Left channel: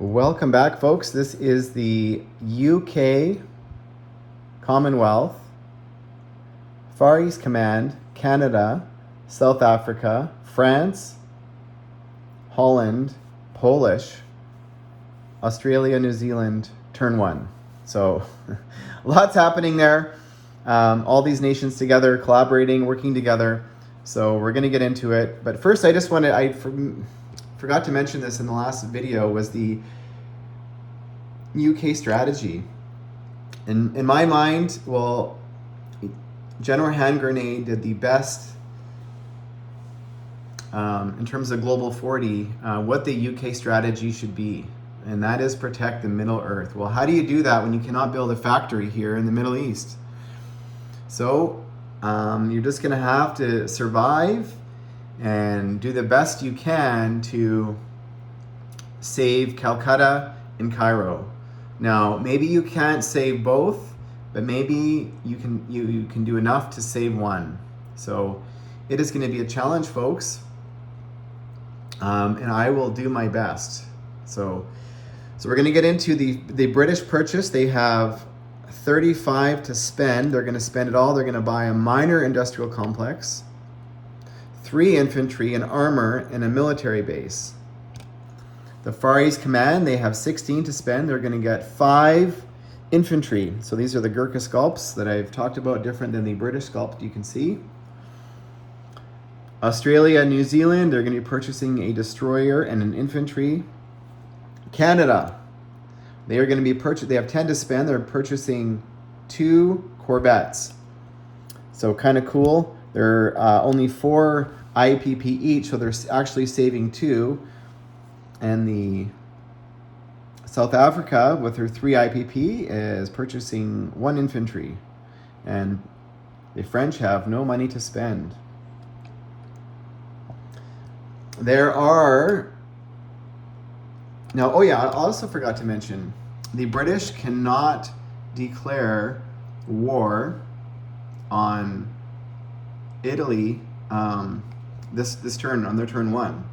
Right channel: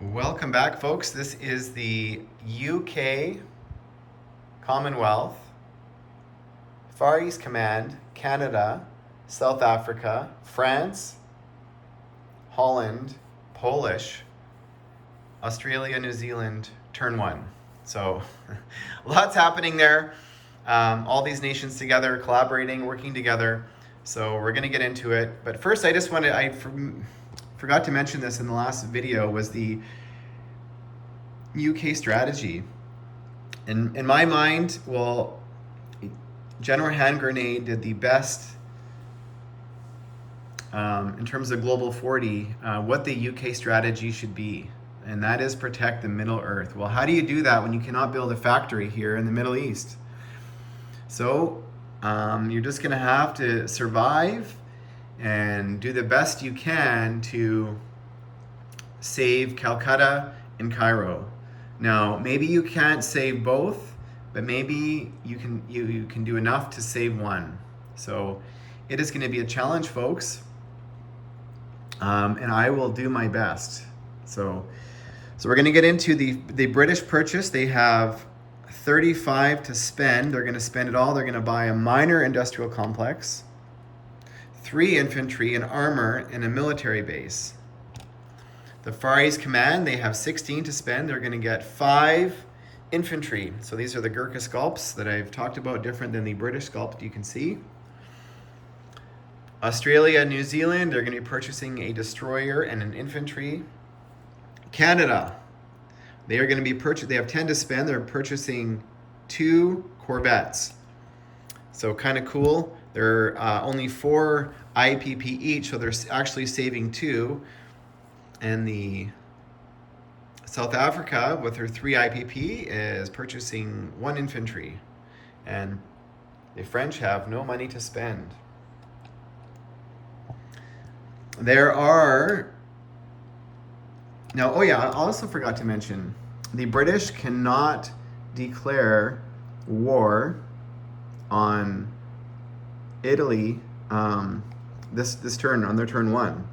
Welcome back, folks. This is the UK Commonwealth, Far East Command, Canada, South Africa, France, Holland, Polish, Australia, New Zealand, turn one. So lots happening there. All these nations together, collaborating, working together. So we're going to get into it. But first, I just wanted, forgot to mention this in the last video, was the UK strategy. In my mind, well, General Hand Grenade did the best in terms of Global 40, what the UK strategy should be, and that is protect the Middle Earth. Well, how do you do that when you cannot build a factory here in the Middle East? So you're just going to have to survive and do the best you can to save Calcutta and Cairo. Now, maybe you can't save both, but maybe you can do enough to save one. So it is going to be a challenge, folks, and I will do my best. So we're going to get into the British purchase. They have 35 to spend. They're going to spend it all. They're going to buy a minor industrial complex, 3 infantry, and armor, and a military base. The Far East Command, they have 16 to spend. They're going to get 5 infantry. So these are the Gurkha sculpts that I've talked about, different than the British sculpt you can see. Australia and New Zealand, they're going to be purchasing a destroyer and an infantry. Canada, they are going to be they have 10 to spend. They're purchasing 2 Corvettes. So kind of cool. They're only 4 IPP each, so they're actually saving 2. And the South Africa, with her 3 IPP, is purchasing 1 infantry. And the French have no money to spend. There are... Now, oh yeah, I also forgot to mention, the British cannot declare war on Italy this turn, on their turn 1.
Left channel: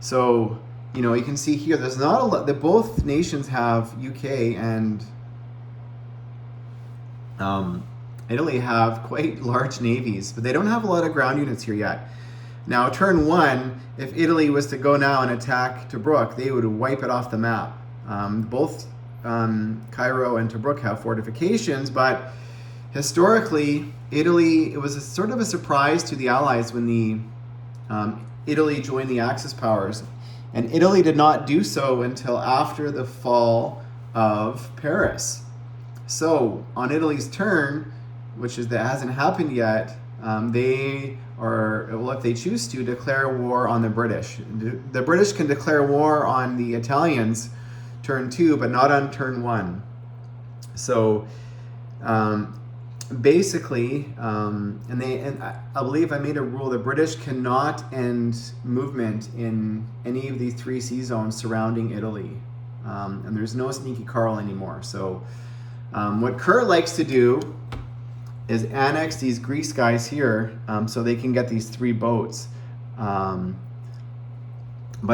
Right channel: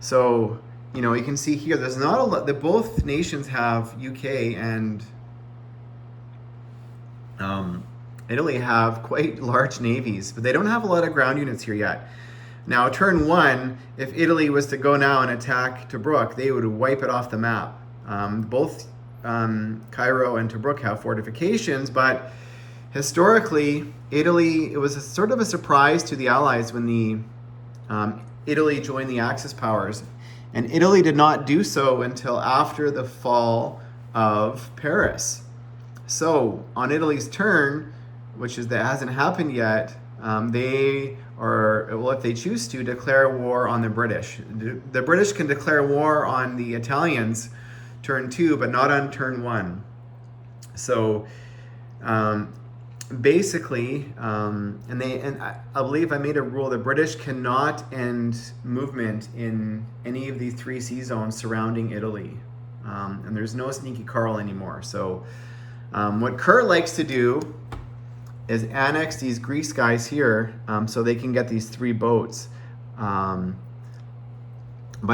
So, you know, you can see here, there's not a lot, that both nations have, UK and Italy have quite large navies, but they don't have a lot of ground units here yet. Now, turn 1, if Italy was to go now and attack Tobruk, they would wipe it off the map. Both Cairo and Tobruk have fortifications, but historically, Italy, it was sort of a surprise to the Allies when Italy joined the Axis powers. And Italy did not do so until after the fall of Paris. So on Italy's turn, that hasn't happened yet, they are, well, if they choose to, declare war on the British. The British can declare war on the Italians turn 2, but not on turn 1. So basically, and I believe I made a rule, the British cannot end movement in any of these 3 sea zones surrounding Italy. And there's no sneaky Carl anymore. So what Kurt likes to do is annex these Greece guys here so they can get these 3 boats. But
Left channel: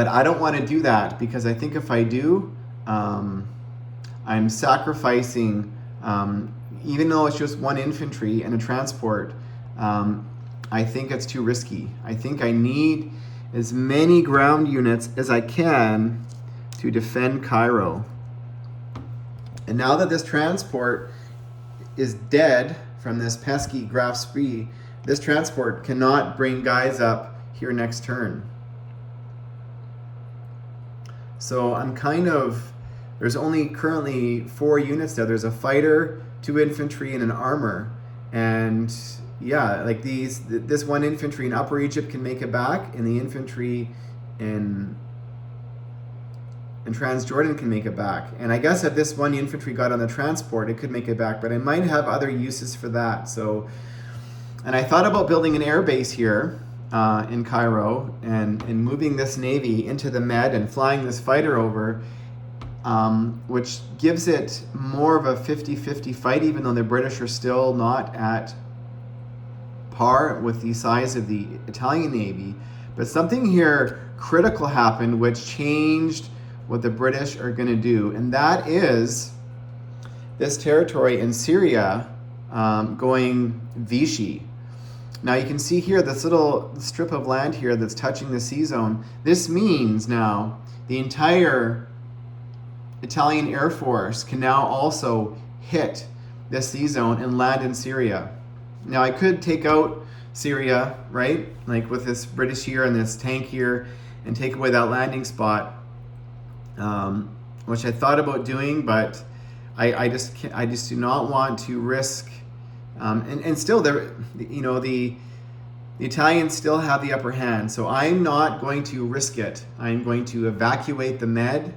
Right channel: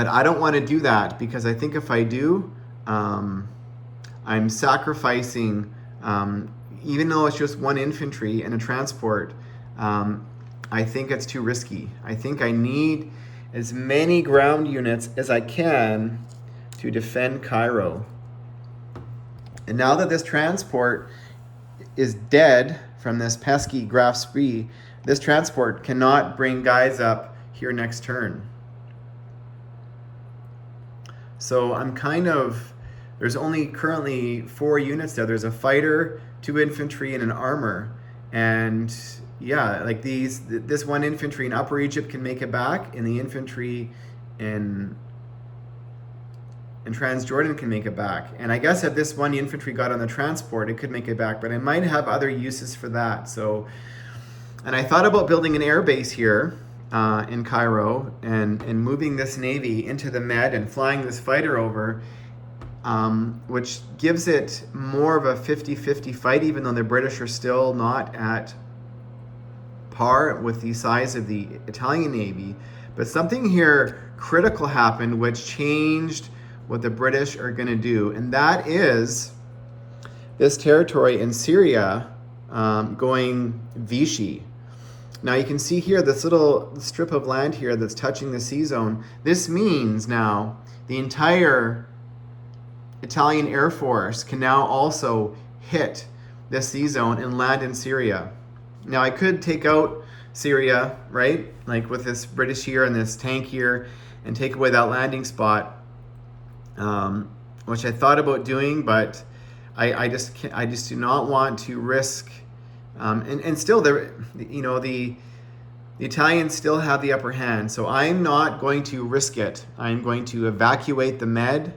I don't want to do that, because I think if I do, I'm sacrificing, even though it's just 1 infantry and a transport, I think it's too risky. I think I need as many ground units as I can to defend Cairo. And now that this transport is dead from this pesky Graf Spee, this transport cannot bring guys up here next turn. So I'm there's only currently 4 units there. There's a fighter, 2 infantry, and an armor. And yeah, like this 1 infantry in Upper Egypt can make it back, and the infantry in Transjordan can make it back. And I guess if this 1 infantry got on the transport, it could make it back, but it might have other uses for that. So, and I thought about building an air base here in Cairo and moving this navy into the Med and flying this fighter over, which gives it more of a 50-50 fight, even though the British are still not at par with the size of the Italian Navy. But something here critical happened, which changed what the British are going to do, and that is this territory in Syria going Vichy. Now you can see here this little strip of land here that's touching the sea zone. This means now the entire Italian Air Force can now also hit the sea zone and land in Syria. Now I could take out Syria, right? Like with this British here and this tank here, and take away that landing spot, which I thought about doing, but I just do not want to risk. And still, the Italians still have the upper hand, so I'm not going to risk it. I'm going to evacuate the Med,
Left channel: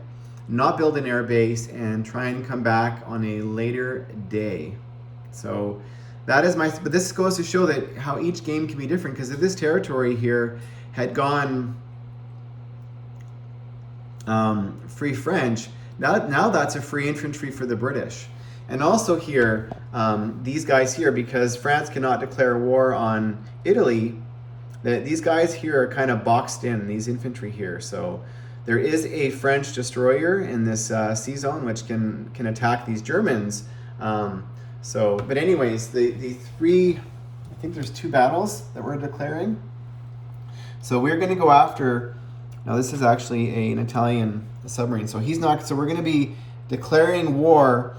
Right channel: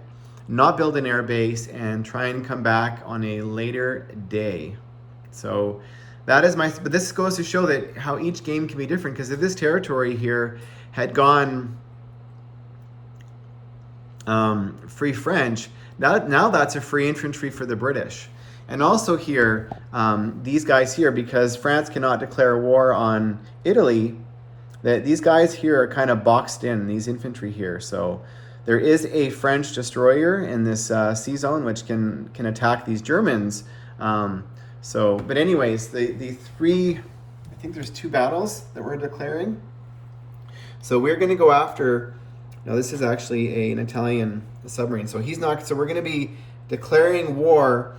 not build an air base, and try and come back on a later day. So that is but this goes to show that how each game can be different, because if this territory here had gone free French, now that's a free infantry for the British. And also here, these guys here, because France cannot declare war on Italy, these guys here are kind of boxed in, these infantry here. So there is a French destroyer in this sea zone which can attack these Germans. But anyways, the three, I think there's 2 battles that we're declaring. So we're going to go after, now this is actually an Italian submarine. So we're going to be declaring war,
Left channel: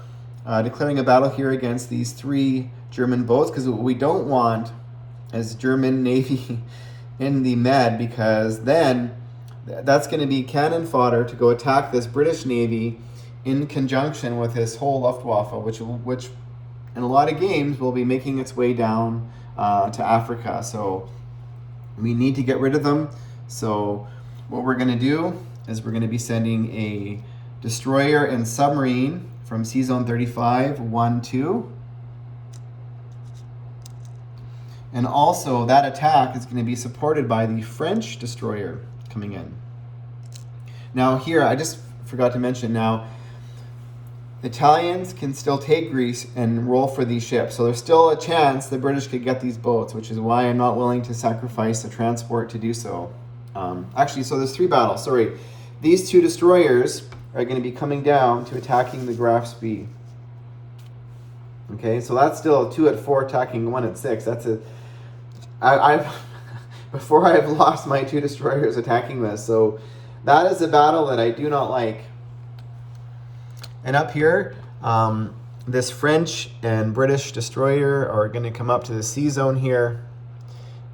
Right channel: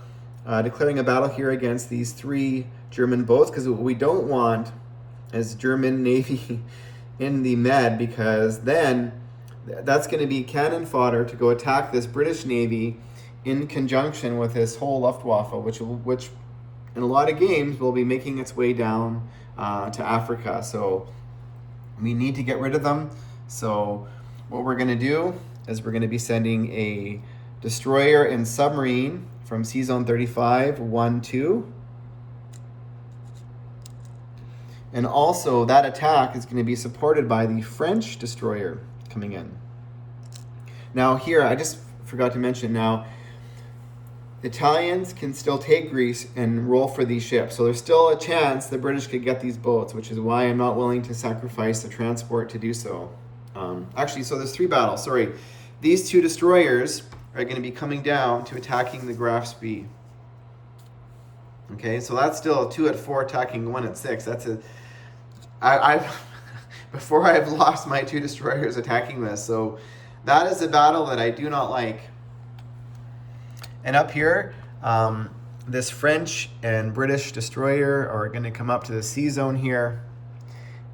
declaring a battle here against these 3 German boats, because what we don't want is German Navy in the Med, because then that's going to be cannon fodder to go attack this British Navy in conjunction with this whole Luftwaffe, which in a lot of games will be making its way down to Africa. So we need to get rid of them. So what we're going to do is we're going to be sending a destroyer and submarine from Sea Zone 35, 1, 2. And also that attack is going to be supported by the French destroyer coming in. Now here, I just forgot to mention, now Italians can still take Greece and roll for these ships. So there's still a chance the British could get these boats, which is why I'm not willing to sacrifice the transport to do so. Actually, so there's 3 battles, sorry. These 2 destroyers are going to be coming down to attacking the Graf Spee. Okay, so that's still 2 at 4 attacking 1 at 6. That's before I've lost my 2 destroyers attacking this. So that is a battle that I do not like. And up here, this French and British destroyer are going to come up to the sea zone here,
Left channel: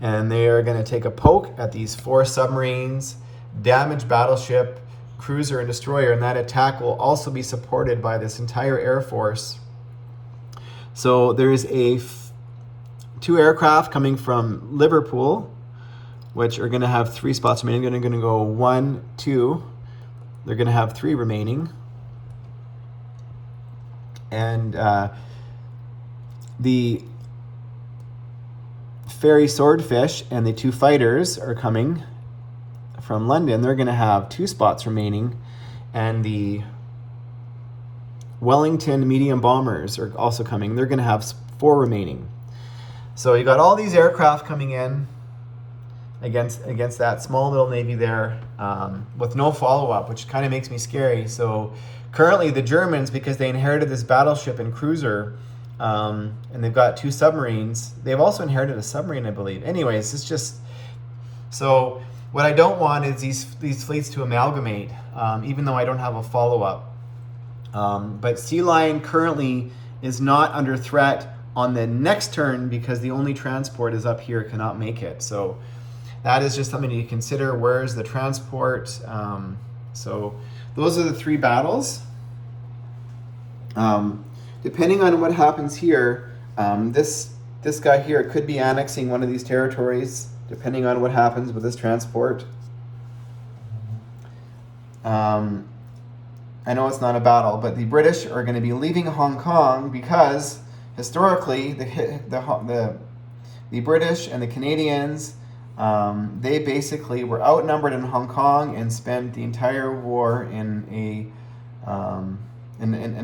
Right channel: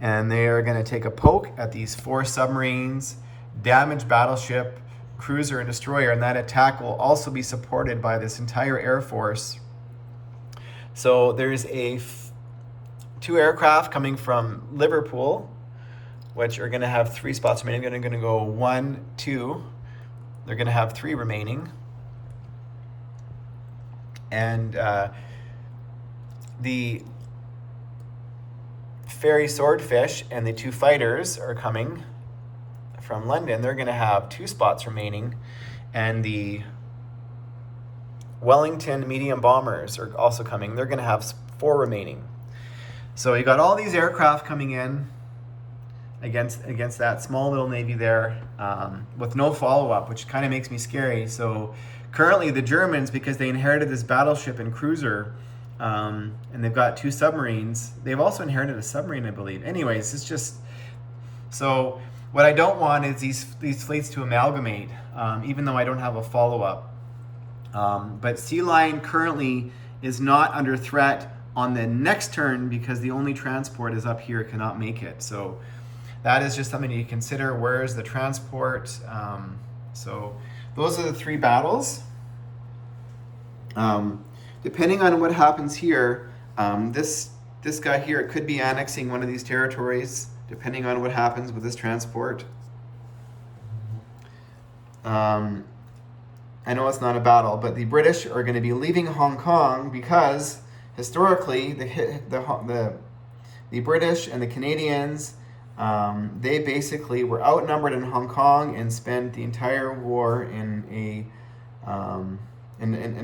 and they are going to take a poke at these 4 submarines, damage battleship, cruiser, and destroyer, and that attack will also be supported by this entire Air Force. So there's 2 aircraft coming from Liverpool, which are going to have 3 spots remaining. They're going to go 1, 2. They're going to have 3 remaining. And the ferry Swordfish and the 2 fighters are coming from London. They're going to have 2 spots remaining. And the Wellington medium bombers are also coming. They're going to have 4 remaining. So you got all these aircraft coming in against that small little navy there, with no follow-up, which kind of makes me scary. So currently the Germans, because they inherited this battleship and cruiser, and they've got 2 submarines, they've also inherited a submarine, I believe. Anyways, it's just, so what I don't want is these fleets to amalgamate, even though I don't have a follow-up. But Sea Lion currently is not under threat on the next turn, because the only transport is up here, cannot make it. So that is just something to consider. Where is the transport? So those are the 3 battles. Depending on what happens here, this guy here could be annexing one of these territories, depending on what happens with this transport. I know it's not a battle, but the British are going to be leaving Hong Kong, because historically the British and the Canadians, they basically were outnumbered in Hong Kong and spent the entire war in a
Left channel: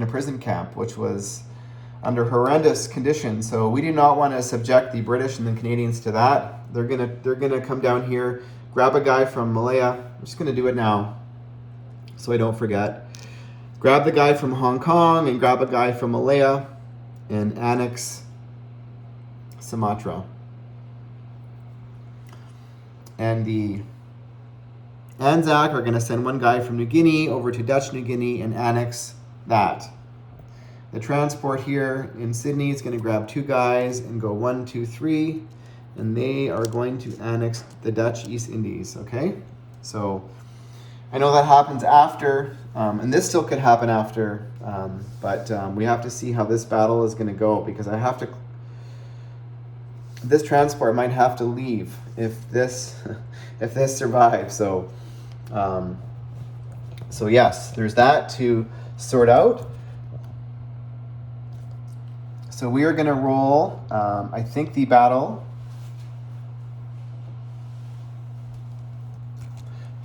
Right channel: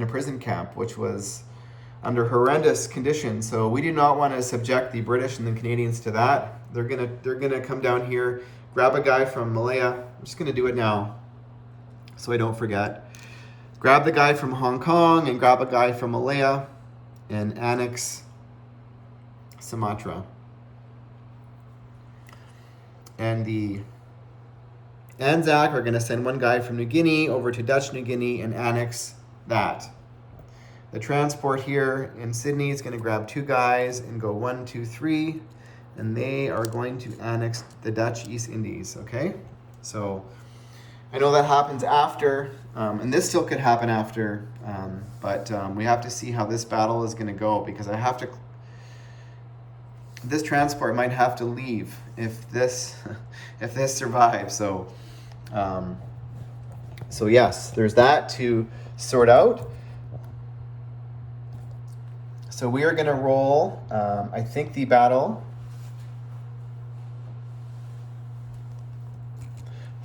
prison camp, which was under horrendous conditions. So we do not want to subject the British and the Canadians to that. They're gonna come down here, grab a guy from Malaya. I'm just gonna do it now. so I don't forget. Grab the guy from Hong Kong and grab a guy from Malaya and annex Sumatra. And the Anzac are going to send one guy from New Guinea over to Dutch New Guinea and annex that. The transport here in Sydney is going to grab 2 guys and go 1, 2, 3, and they are going to annex the Dutch East Indies, okay? So I know that happens after, and this still could happen after, but we have to see how this battle is going to go, because this transport might have to leave if this survives. So yes, there's that to sort out. So we are going to roll, I think, the battle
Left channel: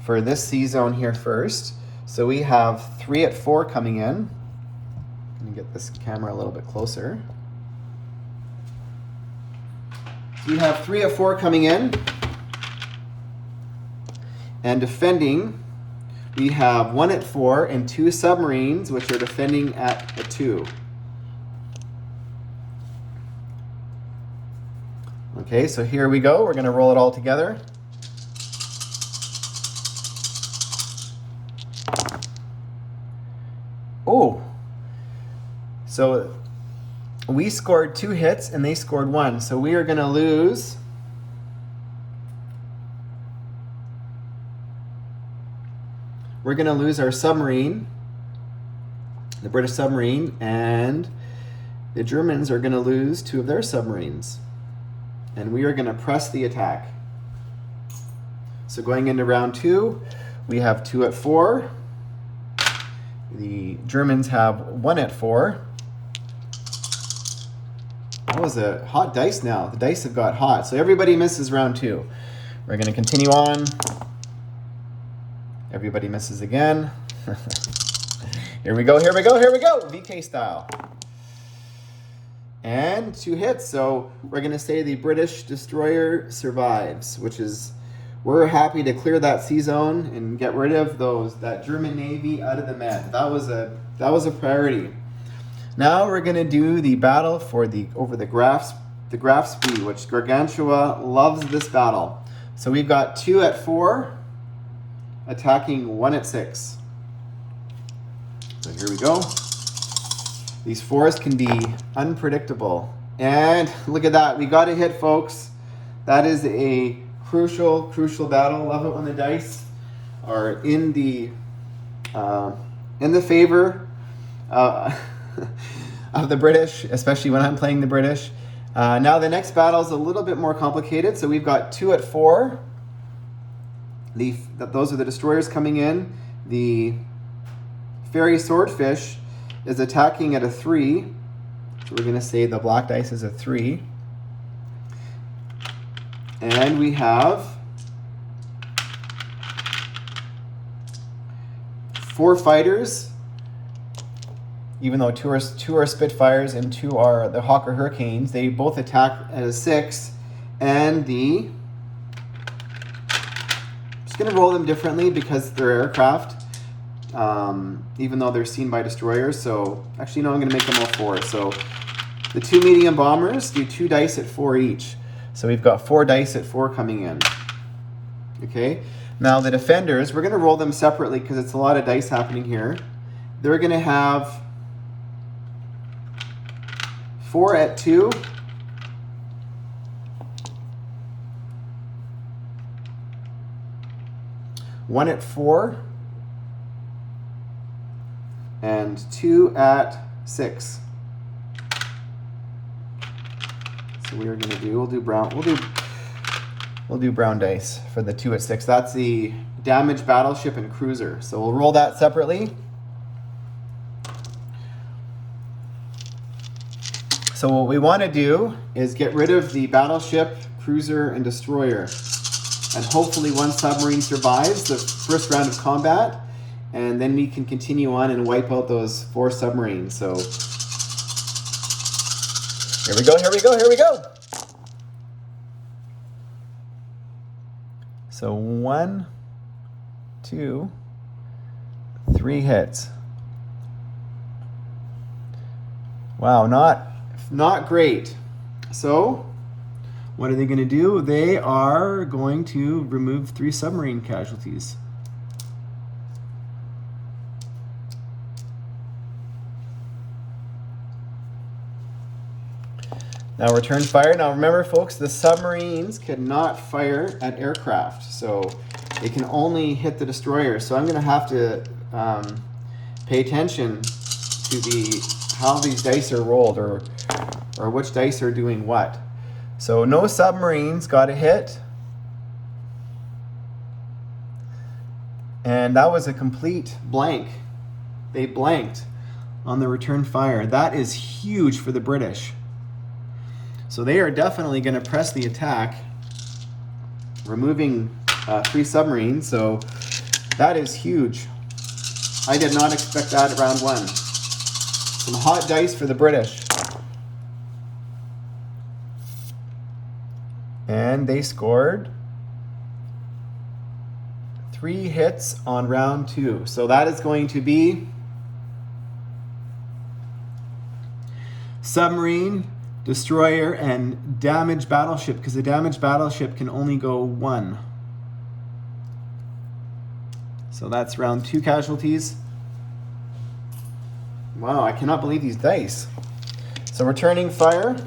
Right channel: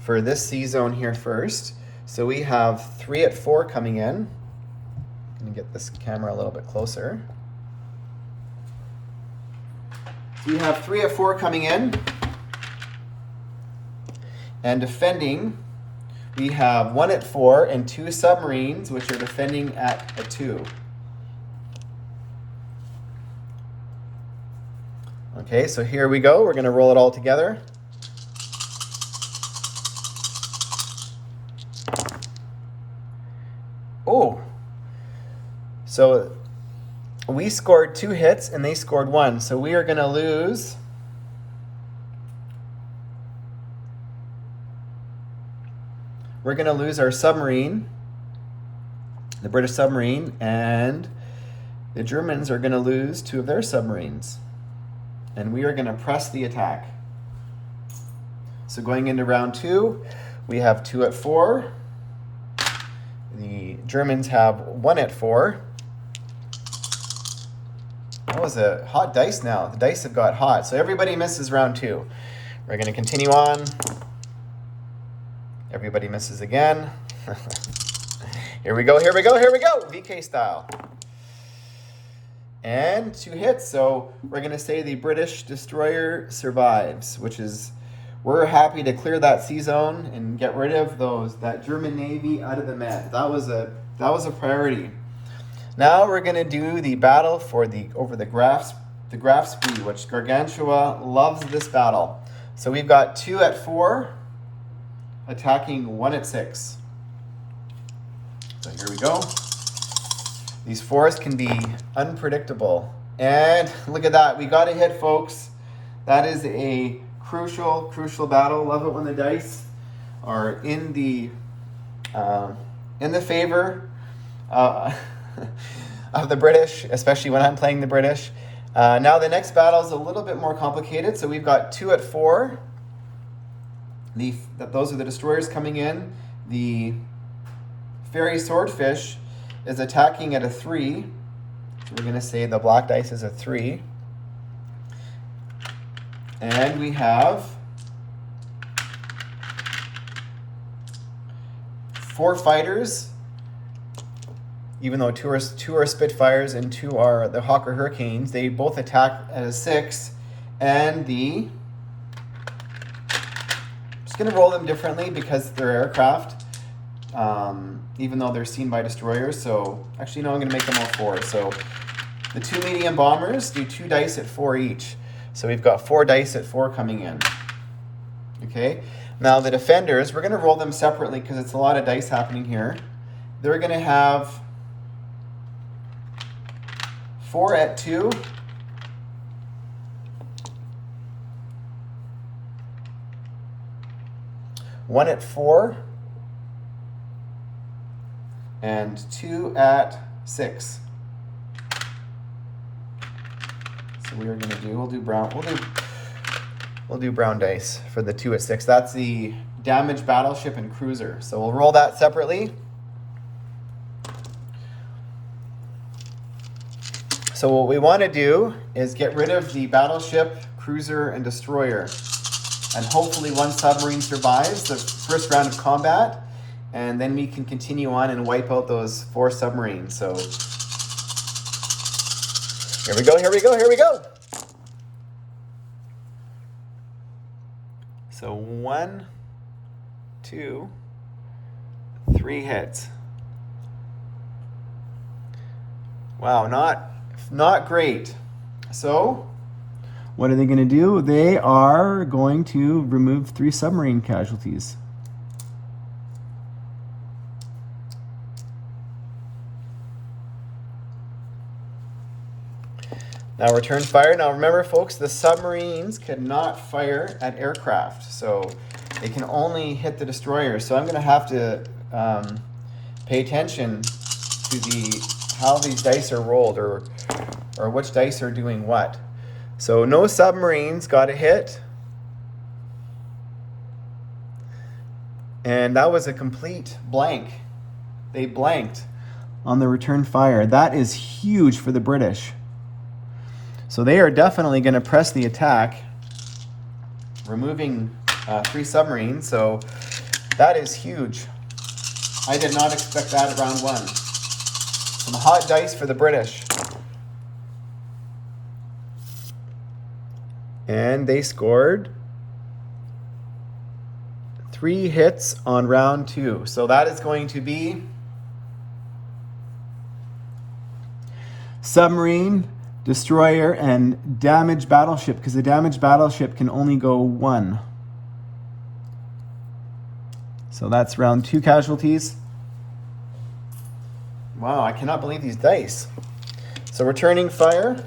for this C zone here first. So we have 3 at 4 coming in. Let me get this camera a little bit closer. So we have 3 at 4 coming in. And defending, we have 1 at 4 and 2 submarines, which are defending at a 2. Okay, so here we go. We're going to roll it all together. Oh, so we scored 2 hits and they scored 1. So we are going to lose. We're going to lose our submarine, the British submarine, and the Germans are going to lose 2 of their submarines. And we are going to press the attack. So going into round 2, we have 2 at 4. The Germans have 1 at 4. That was a hot dice now. The dice have got hot. So everybody misses round 2. We're going to continue on. Everybody misses again. Here we go, here we go, here we go. VK style. And 2 hits. So we're going to say the British destroyer survives, which is, we're happy to clear that sea zone and get rid of that German Navy out of the Med. That was a priority. Now we're going to do the battle over the Graf Spee, which Gargantua loves this battle. So we've got 2 at 4 attacking 1 at 6. So here we go. These 4s can be unpredictable. And look at that. We got a hit, folks. That is a crucial battle. Love it when the dice are in the favor of the British, especially when I'm playing the British. Now the next battle is a little bit more complicated. So we've got 2 at 4. Those are the destroyers coming in. The Fairy Swordfish is attacking at a 3. So we're going to say the black dice is a 3. And we have 4 fighters, even though 2 are Spitfires and 2 are the Hawker Hurricanes. They both attack at a 6. And just going to roll them differently because they're aircraft, even though they're seen by destroyers. So actually, no, I'm going to make them all 4. So the 2 medium bombers do 2 dice at 4 each. So we've got 4 dice at 4 coming in. Okay. Now the defenders, we're going to roll them separately because it's a lot of dice happening here. They're going to have 4 at 2. One at 4, and 2 at 6. So we are going to do, we'll do brown dice for the 2 at 6. That's the damaged battleship and cruiser. So we'll roll that separately. So what we want to do is get rid of the battleship, cruiser, and destroyer. And hopefully 1 submarine survives the first round of combat, and then we can continue on and wipe out those 4 submarines. So here we go, here we go, here we go. So 1, 2, 3 hits. Wow, not great. So, what are they going to do? They are going to remove 3 submarine casualties. Now return fire. Now remember, folks, the submarines cannot fire at aircraft, so they can only hit the destroyer. So I'm going to have to pay attention to how these dice are rolled, or which dice are doing what. So no submarines got a hit, and that was a complete blank. They blanked on the return fire. That is huge for the British. So they are definitely going to press the attack, removing 3 submarines. So that is huge. I did not expect that at round 1. Some hot dice for the British. And they scored 3 hits on round 2. So that is going to be submarine, destroyer, and damaged battleship, because the damaged battleship can only go 1. So that's round 2 casualties. Wow, I cannot believe these dice. So returning fire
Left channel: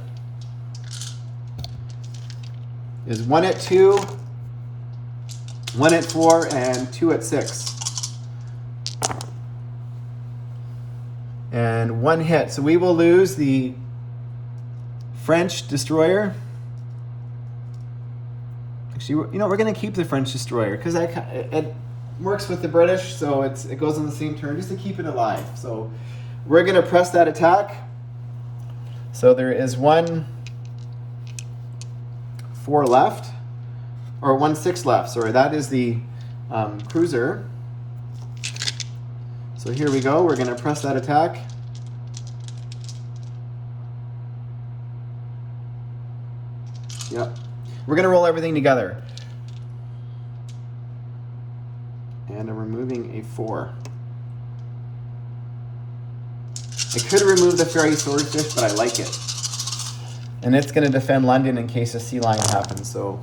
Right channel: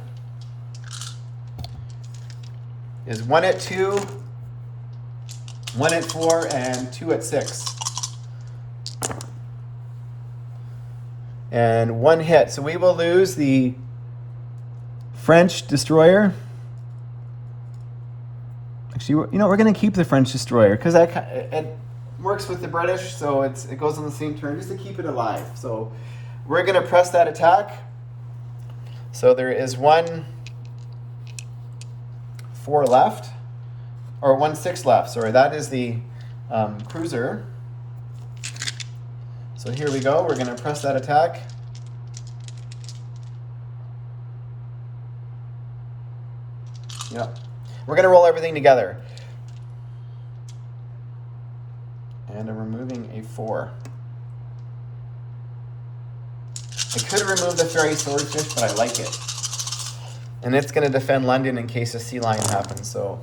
is 1 at 2, 1 at 4, and 2 at 6. And 1 hit. So we will lose the French destroyer. Actually, you know, we're going to keep the French destroyer because it works with the British, so it goes on the same turn just to keep it alive. So we're going to press that attack. So there is 1 4 left, or 1 6 left. Sorry, that is the cruiser. So here we go. We're going to press that attack. Yep. We're going to roll everything together. And I'm removing a 4. I could remove the ferry swordfish, but I like it. And it's going to defend London in case a sea lion happens. So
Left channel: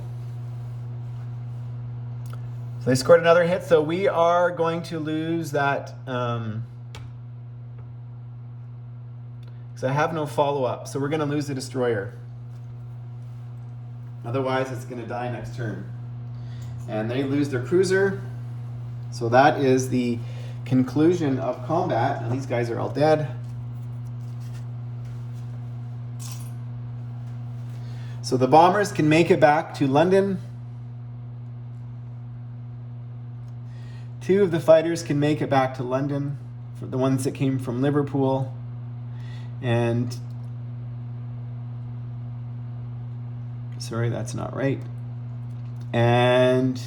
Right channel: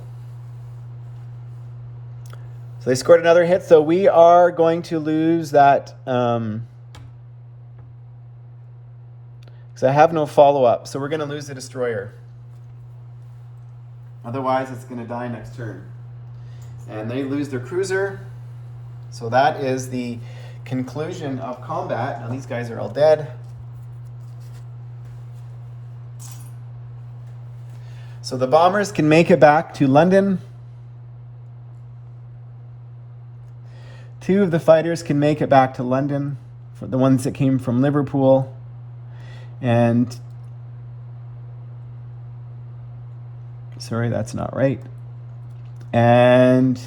they scored another hit. So we are going to lose that. Because I have no follow-up. So we're going to lose the destroyer. Otherwise, it's going to die next turn. And they lose their cruiser. So that is the conclusion of combat. Now these guys are all dead. So the bombers can make it back to London. 2 of the fighters can make it back to London, for the ones that came from Liverpool. And sorry, that's not right. And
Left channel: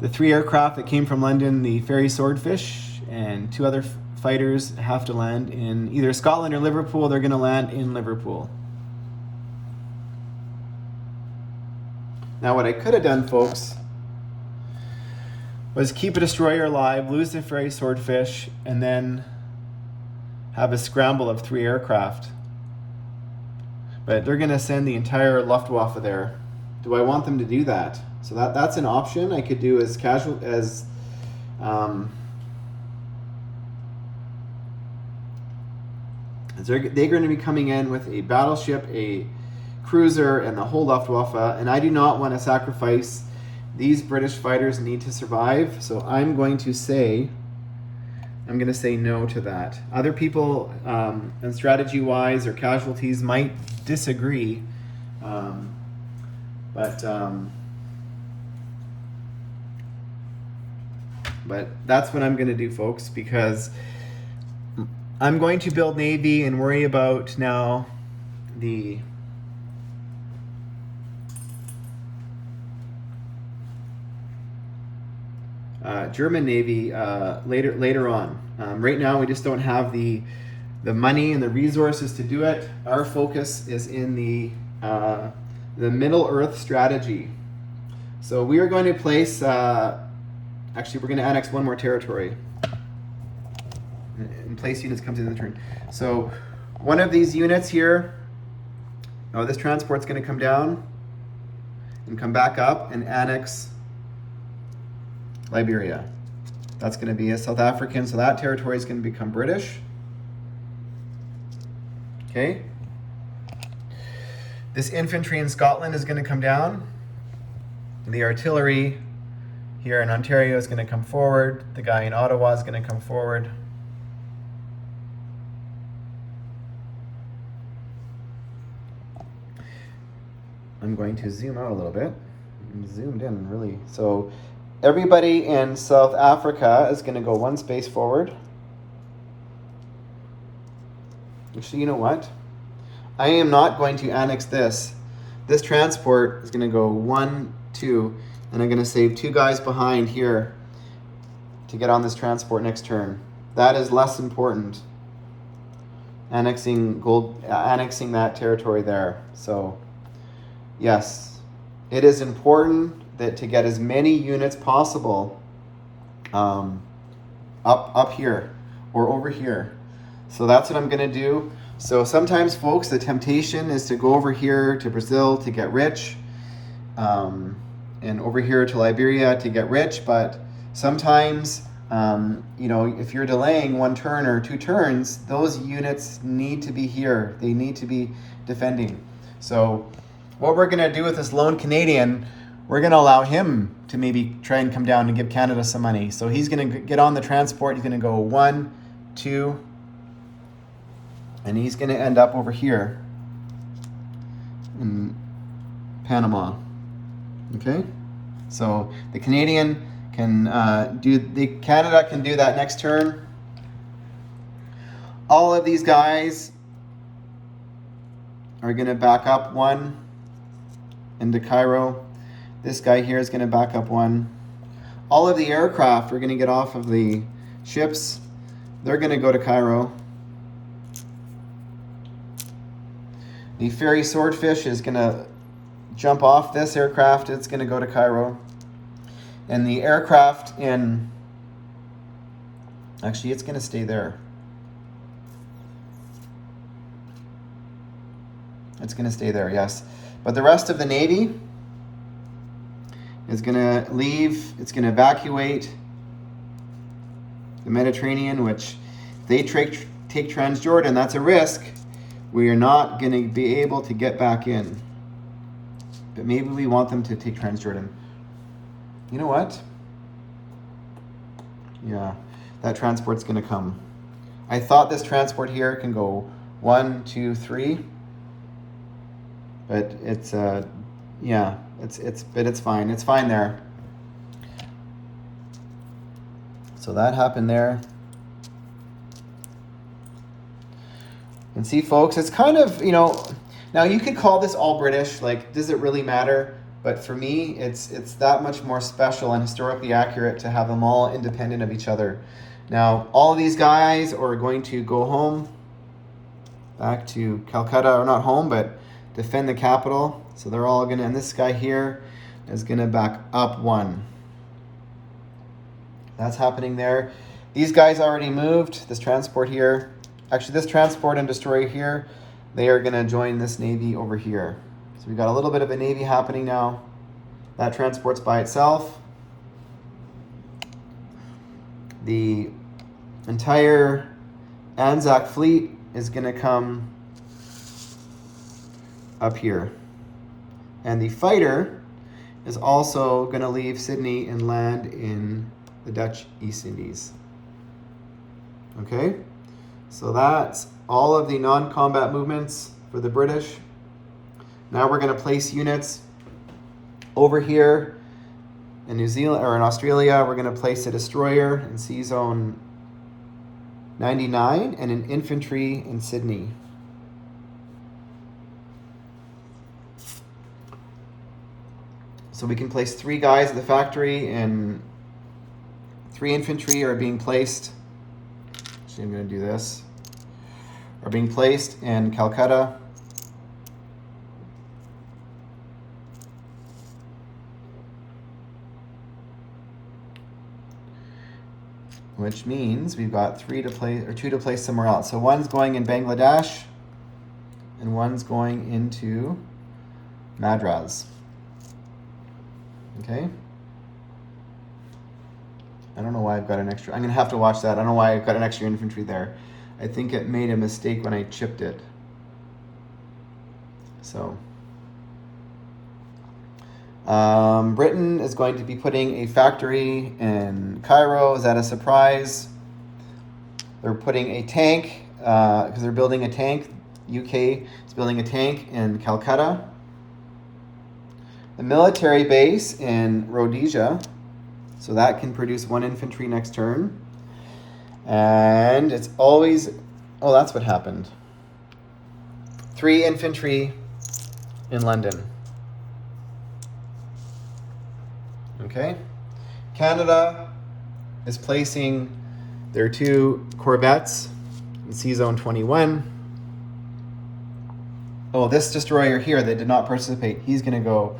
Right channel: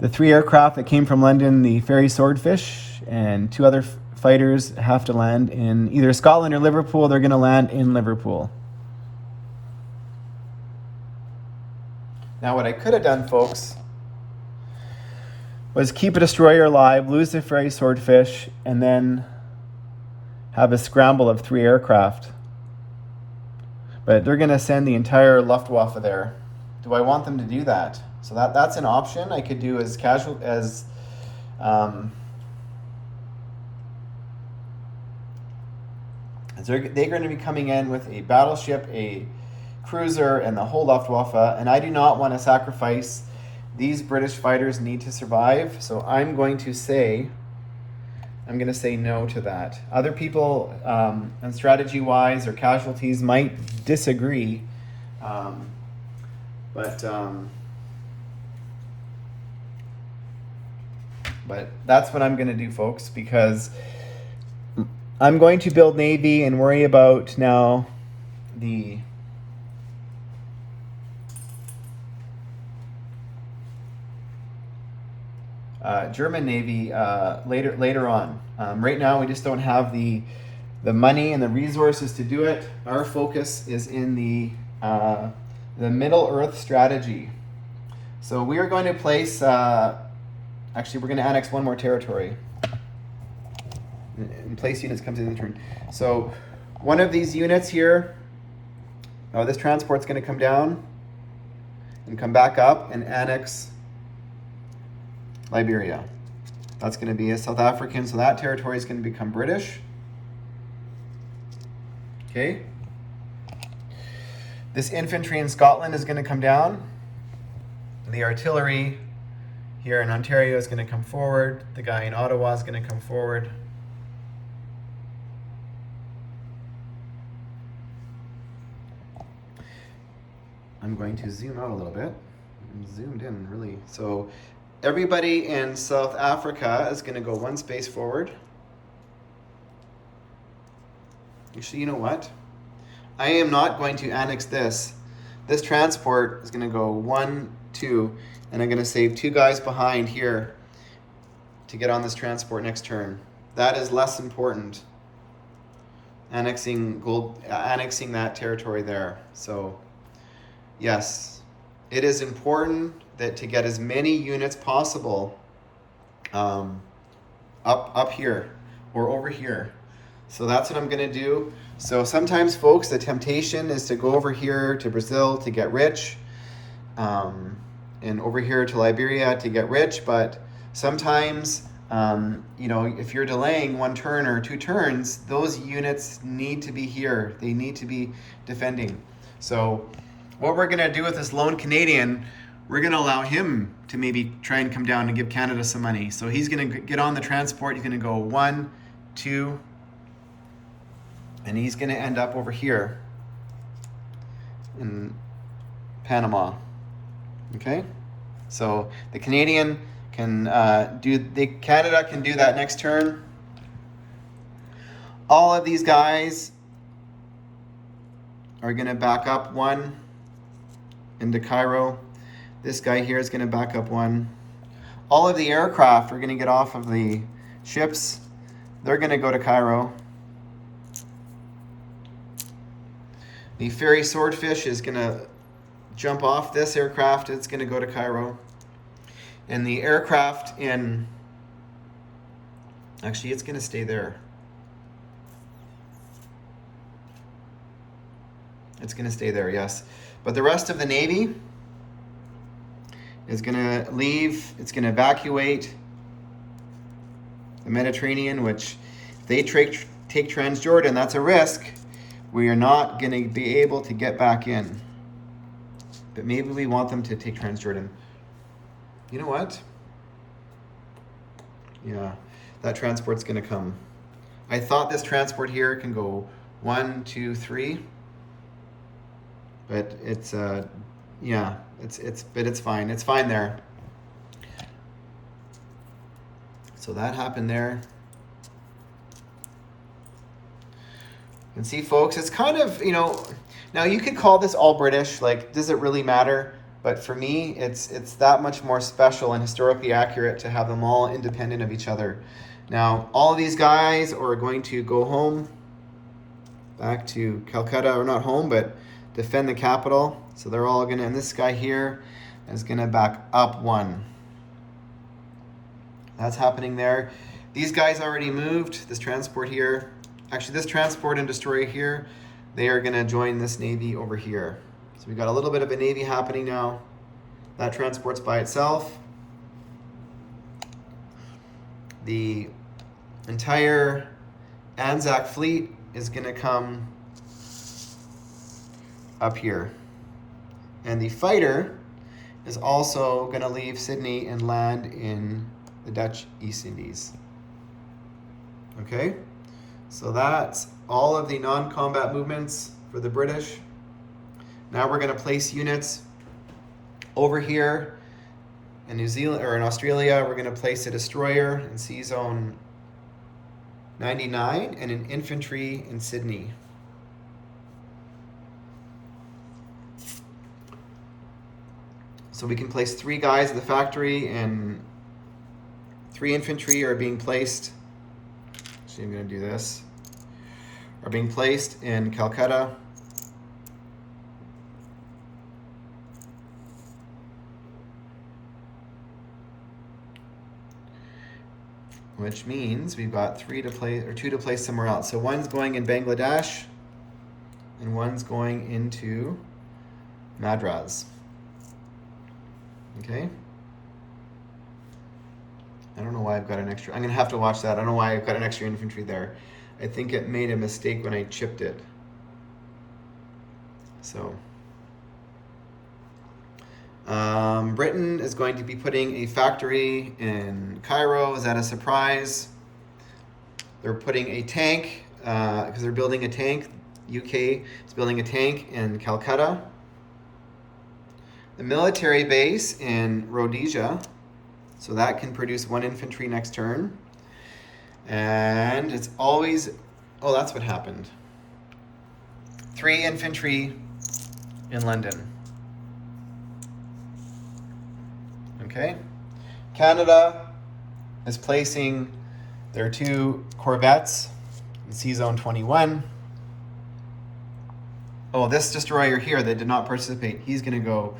the 3 aircraft that came from London, the ferry Swordfish, and 2 other fighters have to land in either Scotland or Liverpool. They're going to land in Liverpool. Now what I could have done, folks, was keep a destroyer alive, lose the ferry Swordfish, and then have a scramble of 3 aircraft. But they're going to send the entire Luftwaffe there. Do I want them to do that? So that's an option I could do as casual as they're going to be coming in with a battleship, a cruiser, and the whole Luftwaffe, and I do not want to sacrifice. These British fighters need to survive, so I'm going to say no to that. Other people, and strategy-wise or casualties, might disagree, but that's what I'm going to do, folks, because I'm going to build Navy and worry about now the German Navy later on. Right now, we just don't have the money and the resources to do it. Our focus is in the Middle Earth strategy. So we are going to place. Actually, we're going to annex 1 more territory. and place units comes in the turn. So one of these units here, this transport's going to come down and come back up and annex Liberia. That's going to be a South African, so that territory is going to become British. Okay. This infantry in Scotland is going to come down. The artillery here in Ontario is going to come forward. The guy in Ottawa is going to come forward. I'm going to zoom out a little bit. I'm zoomed in really. So everybody in South Africa is going to go one space forward. Actually, you know what? I am not going to annex this. This transport is going to go 1, 2, and I'm going to save 2 guys behind here to get on this transport next turn. That is less important. Annexing that territory there. So yes, it is important that to get as many units possible up here or over here. So that's what I'm going to do. So sometimes, folks, the temptation is to go over here to Brazil to get rich, and over here to Liberia to get rich. But sometimes, if you're delaying 1 turn or 2 turns, those units need to be here. They need to be defending. So what we're going to do with this lone Canadian, we're going to allow him to maybe try and come down and give Canada some money. So he's going to get on the transport. He's going to go 1, 2, and he's going to end up over here in Panama. Okay? So the Canadian can Canada can do that next turn. All of these guys are going to back up 1 into Cairo. This guy here is going to back up 1. All of the aircraft are going to get off of the ships. They're going to go to Cairo. The ferry Swordfish is going to jump off this aircraft. It's going to go to Cairo. And the aircraft actually, it's going to stay there. It's going to stay there, yes. But the rest of the Navy is going to leave. It's going to evacuate the Mediterranean, which if they take Transjordan, that's a risk. We are not going to be able to get back in. But maybe we want them to take Transjordan. You know what? Yeah, that transport's going to come. I thought this transport here can go 1, 2, 3. But it's but it's fine. It's fine there. So that happened there. And see, folks, it's kind of, now you could call this all British, like, does it really matter? But for me, it's that much more special and historically accurate to have them all independent of each other. Now, all of these guys are going to go home, back to Calcutta, or not home, but defend the capital. So they're all going to, and this guy here is going to back up 1. That's happening there. These guys already moved. This transport here, actually this transport and destroyer here, they are going to join this Navy over here. So we've got a little bit of a Navy happening now. That transport's by itself. The entire Anzac fleet is going to come up here. And the fighter is also going to leave Sydney and land in the Dutch East Indies. Okay? So that's all of the non-combat movements for the British. Now we're going to place units over here in New Zealand, or in Australia. We're going to place a destroyer in Sea Zone 99 and an infantry in Sydney. So we can place 3 guys at the factory, and 3 infantry are being placed. Actually, I'm going to do this. Are being placed in Calcutta. which means we've got 3 to play, or 2 to place somewhere else. So one's going in Bangladesh, and one's going into Madras. Okay. I don't know why I've got an extra. I'm going to have to watch that. I don't know why I've got an extra infantry there. I think it made a mistake when I chipped it. So, Britain is going to be putting a factory in Cairo. Is that a surprise? They're putting a tank, because they're building a tank. UK is building a tank in Calcutta. The military base in Rhodesia, so that can produce 1 infantry next turn. And it's always, oh, that's what happened. 3 infantry in London. Okay. Canada is placing their 2 corvettes in Sea Zone 21. Oh, this destroyer here that did not participate, he's going to go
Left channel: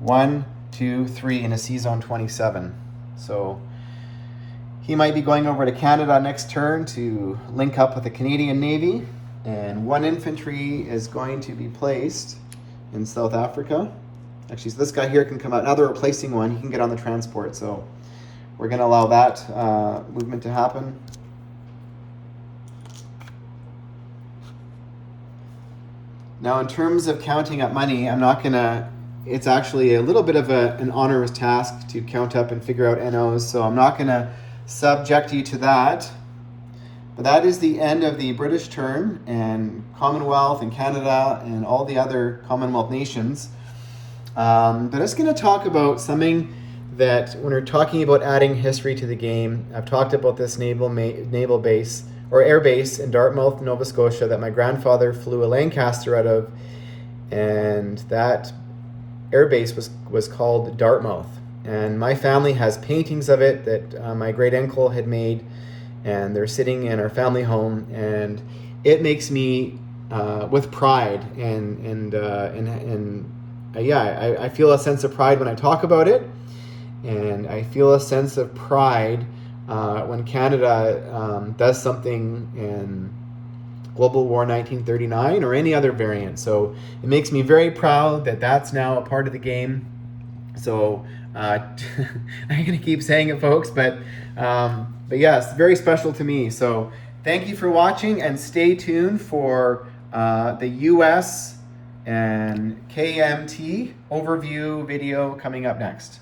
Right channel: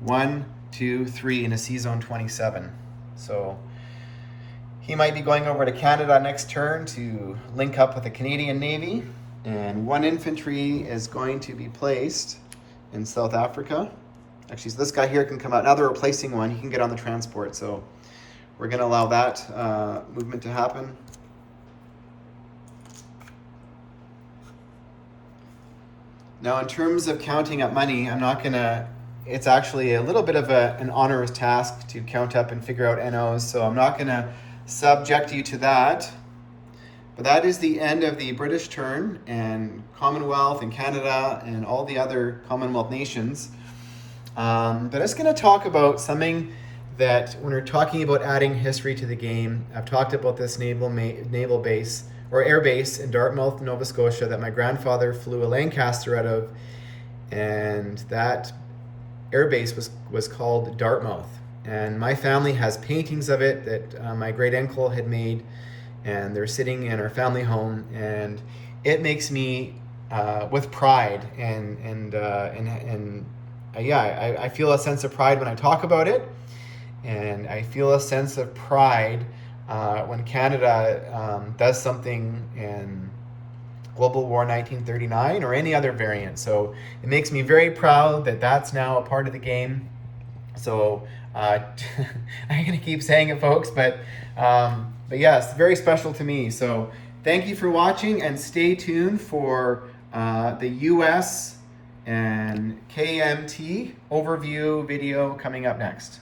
1, 2, 3 in a Sea Zone 27. So he might be going over to Canada next turn to link up with the Canadian Navy. And 1 infantry is going to be placed in South Africa. Actually, so this guy here can come out. Now they're replacing 1. He can get on the transport. So we're going to allow that movement to happen. Now, in terms of counting up money, I'm not going to... It's actually a little bit of an onerous task to count up and figure out NOs, so I'm not going to subject you to that. But that is the end of the British turn, and Commonwealth and Canada and all the other Commonwealth nations. But I'm just going to talk about something that, when we're talking about adding history to the game, I've talked about this naval base, or air base in Dartmouth, Nova Scotia, that my grandfather flew a Lancaster out of, and that air base was called Dartmouth. And my family has paintings of it that my great uncle had made, and they're sitting in our family home, and it makes me with pride, and I feel a sense of pride when I talk about it, and I feel a sense of pride when Canada does something in Global War 1939 or any other variant. So it makes me very proud that that's now a part of the game. So I'm going to keep saying it, folks, but yeah, it's very special to me. So thank you for watching, and stay tuned for the US and KMT overview video coming up next.